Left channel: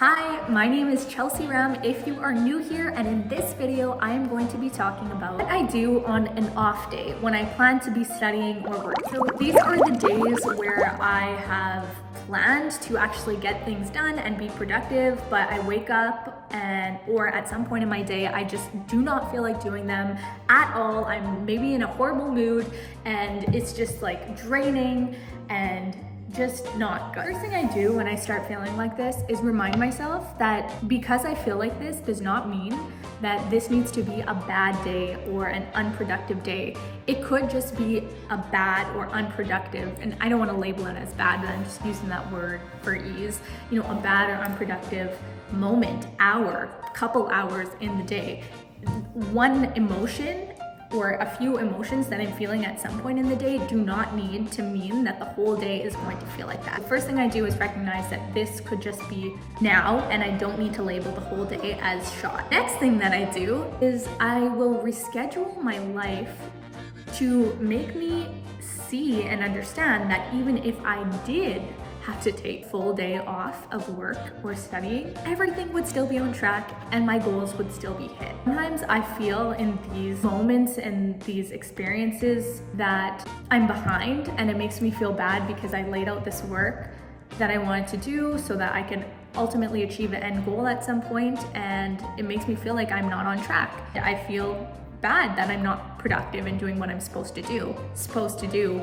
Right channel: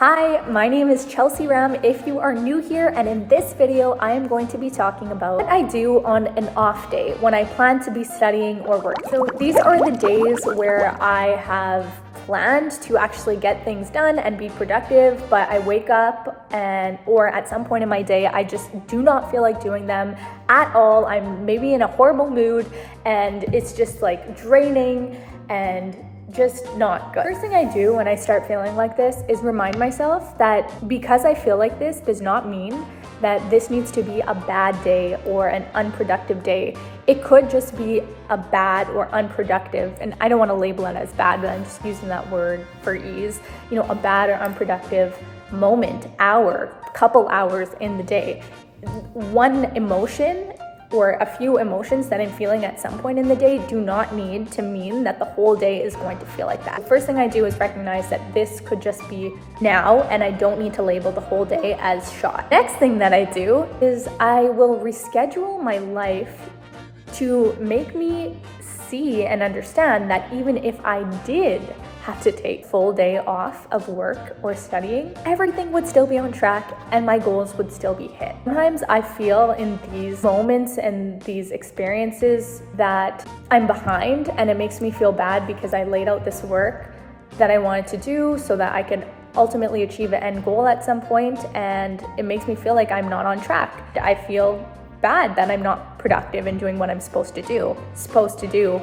Hi, my name is Chelsea Ram if you are new here, and in this video I am going to be talking about what I do on an off day when I plan to be studying or working. So these are the days where I have planned to actually get things done and be productive, but I wake up or at some point in my day I just do not feel like doing them at all. I'm maybe in a horrible mood and it's just like draining and just not good. First thing I do when I start feeling like this is remind myself that because I feel like this does not mean that this needs to be a bad day or an unproductive day. It could just be a bad or unproductive, and I don't want to label it as bad, but I'm just using that word for ease. A bad or unproductive moment, hour, couple hours in the day. One emotion or a few emotions that I'm feeling at some point in the day do not need to mean that the whole day is going to feel like that. The first thing I do is recognize that this could just be now and I don't need to label the whole day as shot. Next thing that I do is I will reschedule my life to make me see and understand that even if I did have to take full day off of work or studying, everything would still be on track and my goals would still be hit. Sometimes I feel in these moments and these experiences that I'm behind, and it makes me feel bad because I laid out this work that I wanted to do so that I could ultimately achieve an end goal at some point, and it makes me feel like I'm not on track. I feel bad that I'm not productive in doing what I'm supposed to do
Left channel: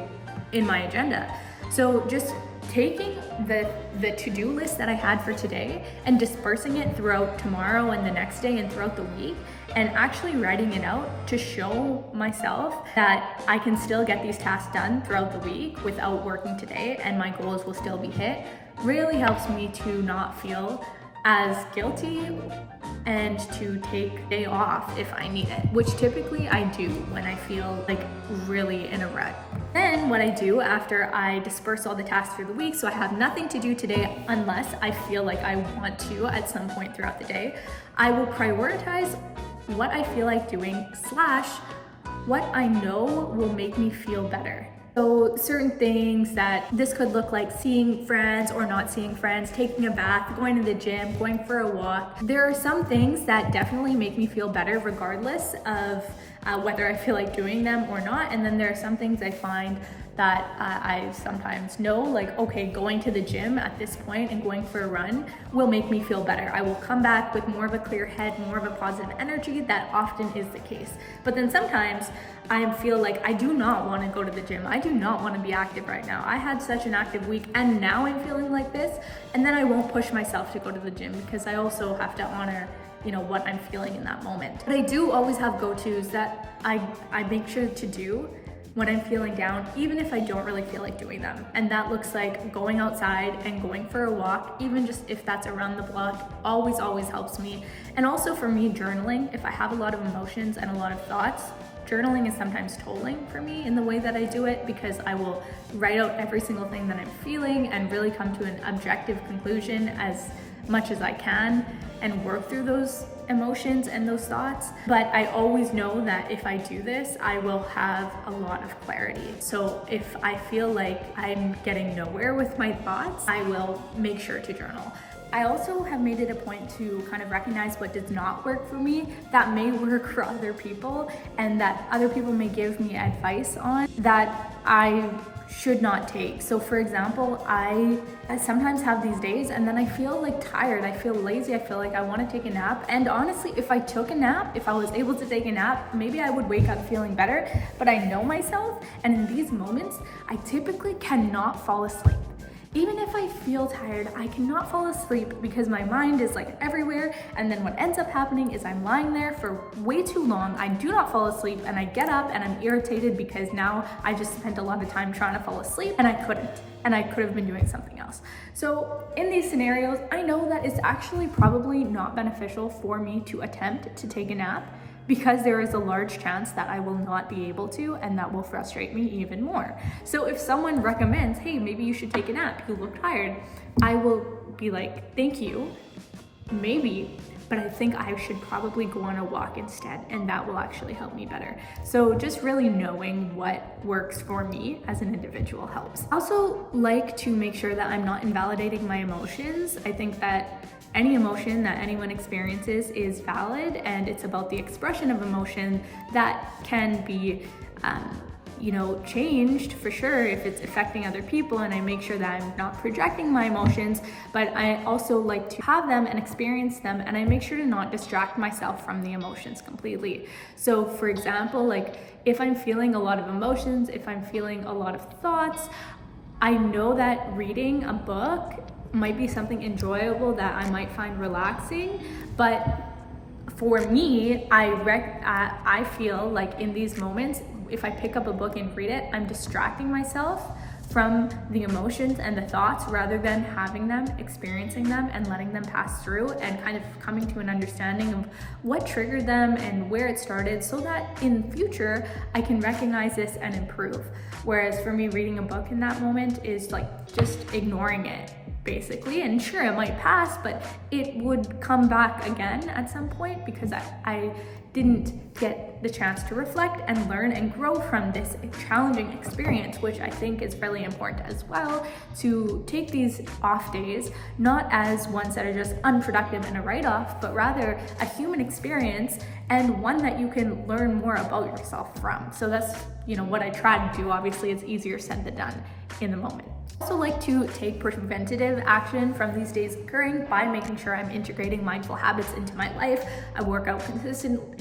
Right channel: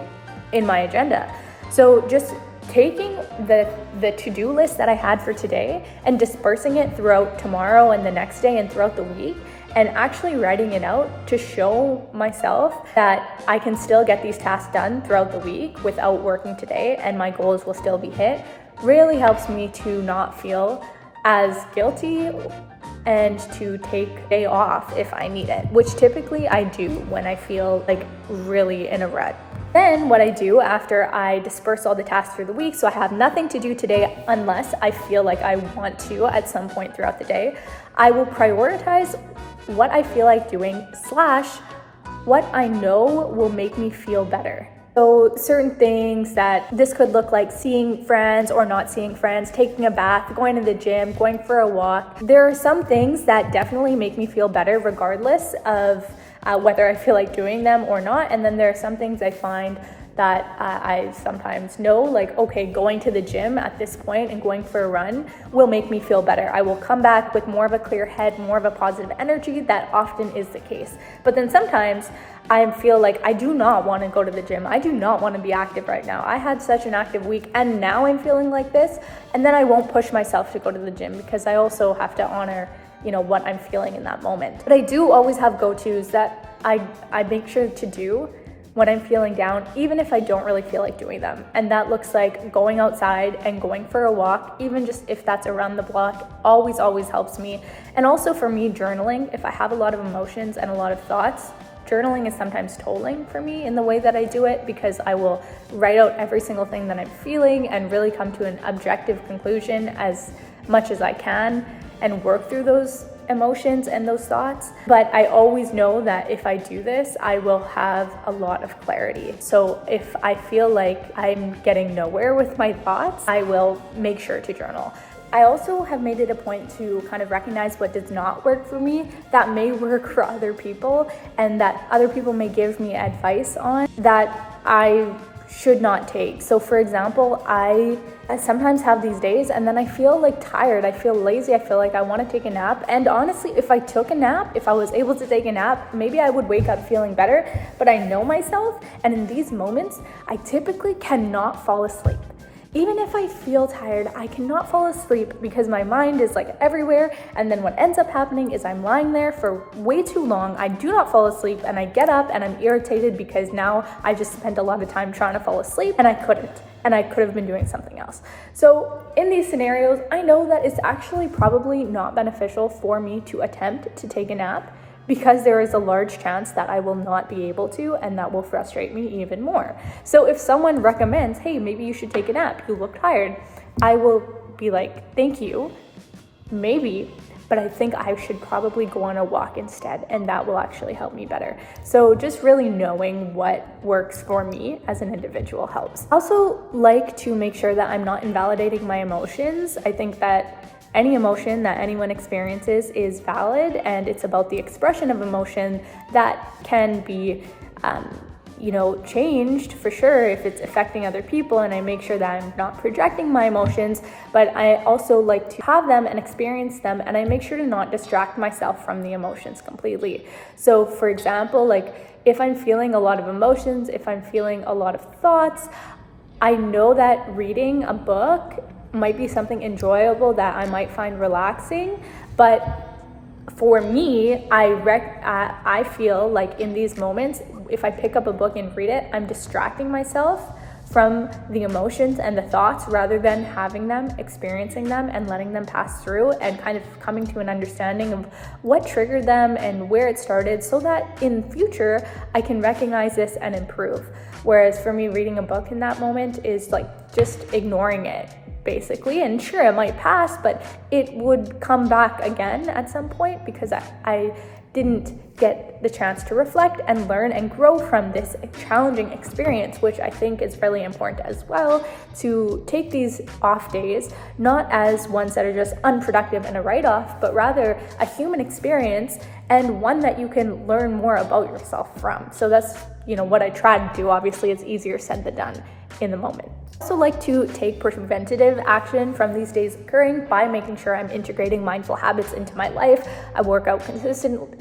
in my agenda. So just taking the to-do list that I had for today and dispersing it throughout tomorrow and the next day and throughout the week, and actually writing it out to show myself that I can still get these tasks done throughout the week without working today and my goals will still be hit, really helps me to not feel as guilty and to take a day off if I need it, which typically I do when I feel like really in a rut. Then what I do after I disperse all the tasks through the week, so I have nothing to do today unless I feel like I want to at some point throughout the day, I will prioritize what I feel like doing / what I know will make me feel better. So certain things that this could look like seeing friends or not seeing friends, taking a bath, going to the gym, going for a walk. There are some things that definitely make me feel better regardless of whether I feel like doing them or not. And then there are some things I find that I sometimes know, like, okay, going to the gym at this point and going for a run will make me feel better. I will come back with more of a clear head, more of a positive energy. That often is the case. But then sometimes I feel like I do not want to go to the gym. I do not want to be active right now. I had such an active week and now I'm feeling like this. And then I won't push myself to go to the gym because I also have to honor what I'm feeling in that moment. But I do always have go-tos that I make sure to do when I'm feeling down, even if I don't really feel like doing them. And that looks like going outside and going for a walk, even just if that's around the block, always helps me. And also for me, journaling, if I have a lot of emotions and a lot of thoughts, journaling is sometimes tolling for me in the way that I do it, because I will write out every single thing that I'm feeling and really come to an objective conclusion as much as I can and work through those emotions and those thoughts. But I always know that if I do this, I will have a lot of clarity. So if I feel like I'm getting nowhere with my thoughts, I will make sure to journal. I also have made it a point to kind of recognize what does not work for me that may work for other people, and that other people may give me advice on that I should not take. So for example, I sometimes have these days and then I feel like tired, I feel lazy, I feel like I want to take a nap. And honestly, if I took a nap, if I was able to take a nap, maybe I would wake up feeling better. But I know myself, and in these moments, I typically cannot fall asleep. Even if I feel tired, I cannot fall asleep because my mind is like everywhere. And then what ends up happening is I'm lying there for way too long. I do not fall asleep and I get up and I'm irritated because now I just spent a lot of time trying to fall asleep and I couldn't. And I could have been doing something else. So in these scenarios, I know that it's actually probably not beneficial for me to attempt to take a nap, because there is a large chance that I will not be able to, and that will frustrate me even more. So if someone recommends, hey, maybe you should take a nap, you look tired, I will be like, thank you, maybe, but I think I should probably go on a walk instead, and that will actually help me better. So just really knowing what works for me as an individual helps. I also like to make sure that I'm not invalidating my emotions. I think that any emotion that anyone experiences is valid, and it's about the expression of emotion that can be changed for sure if it's affecting other people, and I make sure that I'm not projecting my emotions, but I also like to have them and experience them, and I make sure to not distract myself from the emotions completely. So for example, like if I'm feeling a lot of emotions, if I'm feeling a lot of thoughts, I know that reading a book might be something enjoyable that I might find relaxing, but for me, I feel like in these moments, if I pick up a book and read it, I'm distracting myself from the emotions and the thoughts rather than having them, experiencing them, and letting them pass through and kind of coming to an understanding of what triggered them and where it started, so that in future I can recognize this and improve. Whereas for me, reading a book in that moment is like just ignoring it, basically. And sure, it might pass, but it would come back again at some point because I didn't get the chance to reflect and learn and grow from this challenging experience, which I think is really important as well, to take these off days not as ones that are just unproductive and a write-off, but rather a human experience and one that you can learn more about yourself from. So that's what I try to do. Obviously, it's easier said than done in the moment. I also like to take preventative action from these days occurring by making sure I'm integrating mindful habits into my life. I work out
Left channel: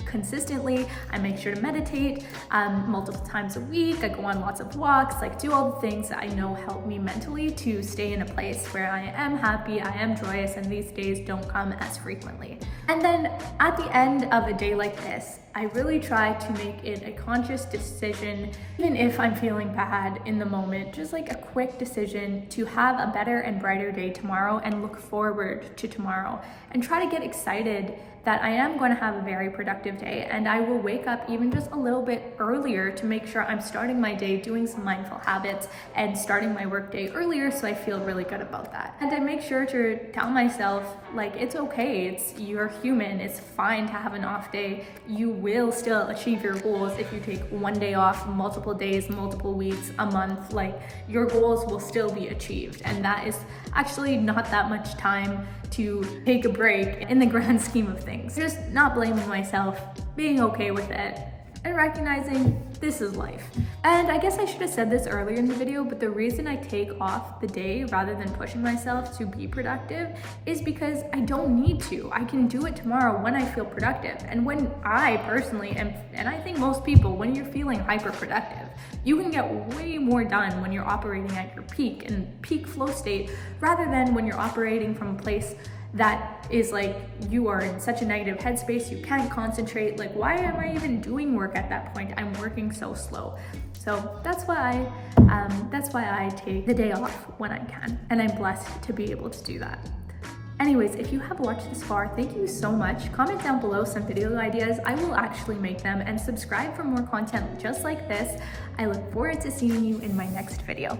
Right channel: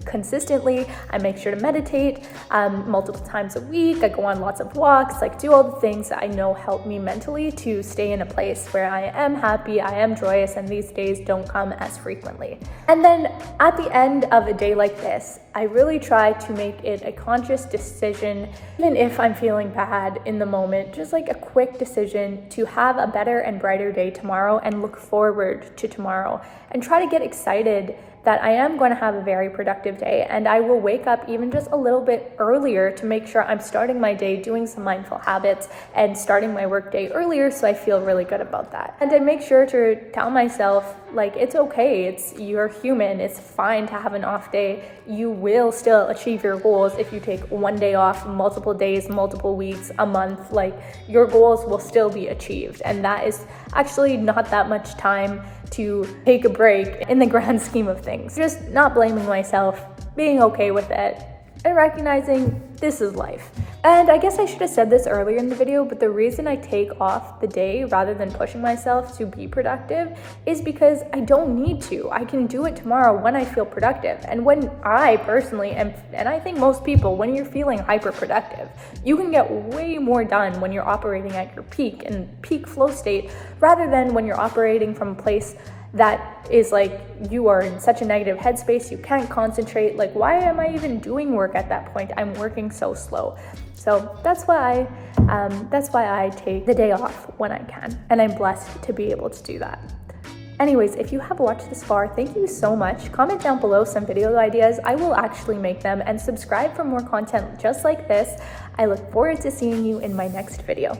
consistently. I make sure to meditate multiple times a week. I go on lots of walks, do all the things that I know help me mentally to stay in a place where I am happy, I am joyous, and these days don't come as frequently. And then at the end of a day like this, I really try to make it a conscious decision, even if I'm feeling bad in the moment, just like a quick decision to have a better and brighter day tomorrow and look forward to tomorrow and try to get excited that I am going to have a very productive day, and I will wake up even just a little bit earlier to make sure I'm starting my day doing some mindful habits and starting my work day earlier, so I feel really good about that. And I make sure to tell myself, it's okay, you're human, it's fine to have an off day. You will still achieve your goals if you take one day off, multiple days, multiple weeks, a month. Your goals will still be achieved, and that is actually not that much time to take a break in the grand scheme of things. Just not blaming myself, being okay with it, and recognizing this is life. And I guess I should have said this earlier in the video, but the reason I take off the day rather than pushing myself to be productive is because I don't need to. I can do it tomorrow when I feel productive. And when I personally am, and I think most people, when you're feeling hyper productive, you can get way more done when you're operating at your peak and peak flow state, rather than when you're operating from a place that is you are in such a negative headspace, you can't concentrate. Why am I even doing work at that point? I'm working so slow. So that's why I take the day off when I can, and I'm blessed to be able to do that. Anyways, if you have watched this far, thank you so much. Comment down below some video ideas. I will actually make them, and subscribe for more content just like this. I look forward to seeing you in my next video.